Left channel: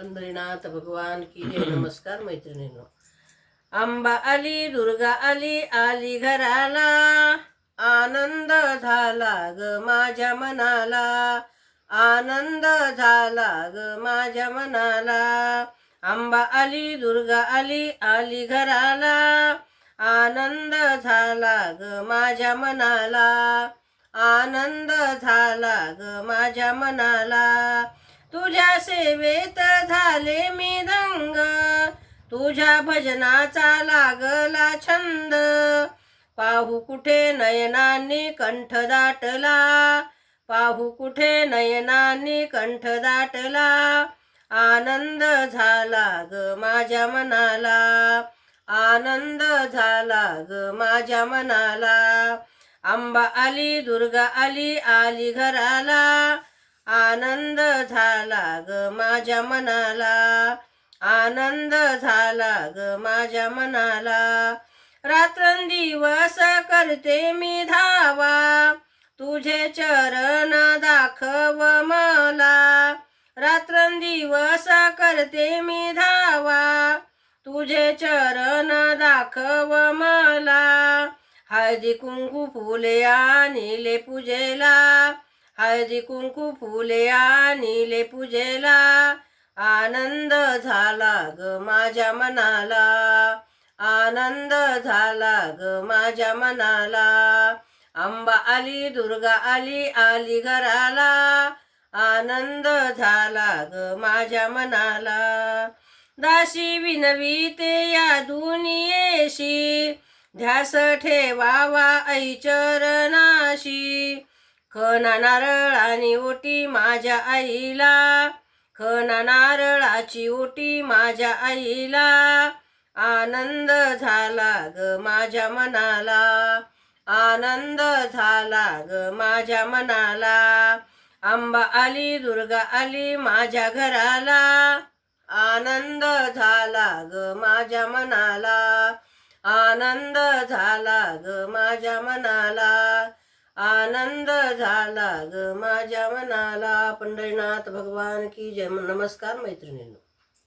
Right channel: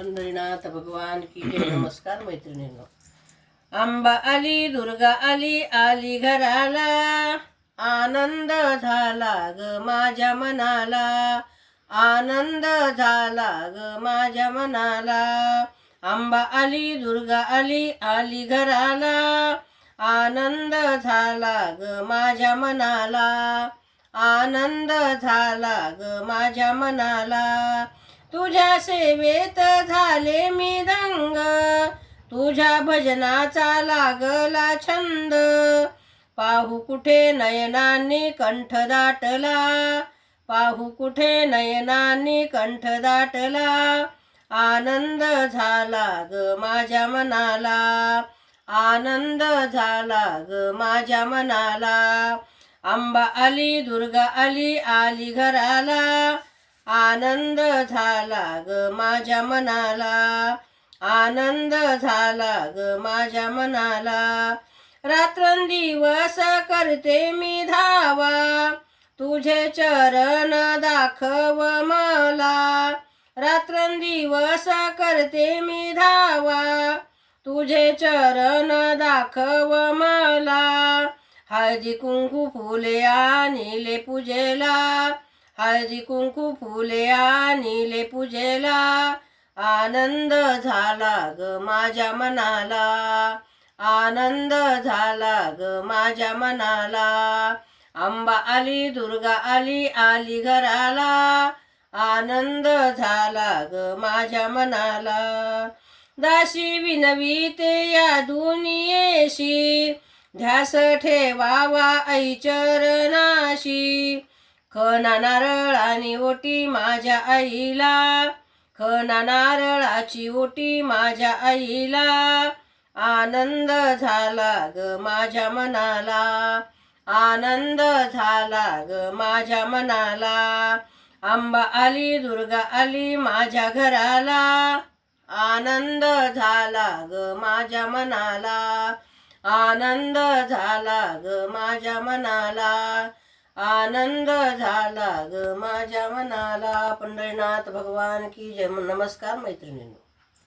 पंढरीनाथ भगवान की जय. नमस्कार मैत्रिणींनो. अंबा आली, दुर्गा आली, आली घराला, आनंद झाला ग माझ्या मनाला, आनंद झाला ग माझ्या मनाला. अंबा आली, दुर्गा आली, आली घराला, आनंद झाला ग माझ्या मनाला, आनंद झाला ग माझ्या मनाला. तुझ्या सेवेत झाले मी दंग, तुझ्या भजनाचा लागला छंद. पाहू कुठे नयनांनी कंठ दाटला, पाहू कुठे नयनांनी कंठ दाटला. आनंद झाला ग माझ्या मनाला, आनंद झाला ग माझ्या मनाला. अंबा आली, दुर्गा आली, आली घराला, आनंद झाला ग माझ्या मनाला, आनंद झाला ग माझ्या मनाला. रात्रंदिवस करते मी धावा, तुझे चरण दाखव मला. रात्रंदिवस करते मी धावा, तुझे चरण दाखव मला. हळदी कुंकू फुले आणिले पूजेला, हळदी कुंकू फुले आणिले पूजेला. आनंद झाला ग माझ्या मनाला, आनंद झाला ग माझ्या मनाला. अंबा आली, दुर्गा आली, आली घराला, आनंद झाला ग माझ्या मनाला. दासी विनवीते या दुनियेशी, ध्यास ठेवावा ऐ चरणाशी. खणा नारळानी ओटी माझ्या आईला, खणा नारळाची ओटी माझ्या आईला. आनंद झाला ग माझ्या मनाला, आनंद झाला ग माझ्या मनाला. अंबा आली, दुर्गा आली माझ्या घराला, आनंद झाला ग माझ्या मनाला, आनंद झाला ग माझ्या मनाला, आनंद झाला ग माझ्या मनाला. पंढरीनाथ भगवान की जय. नमस्कार मैत्रिणींनो.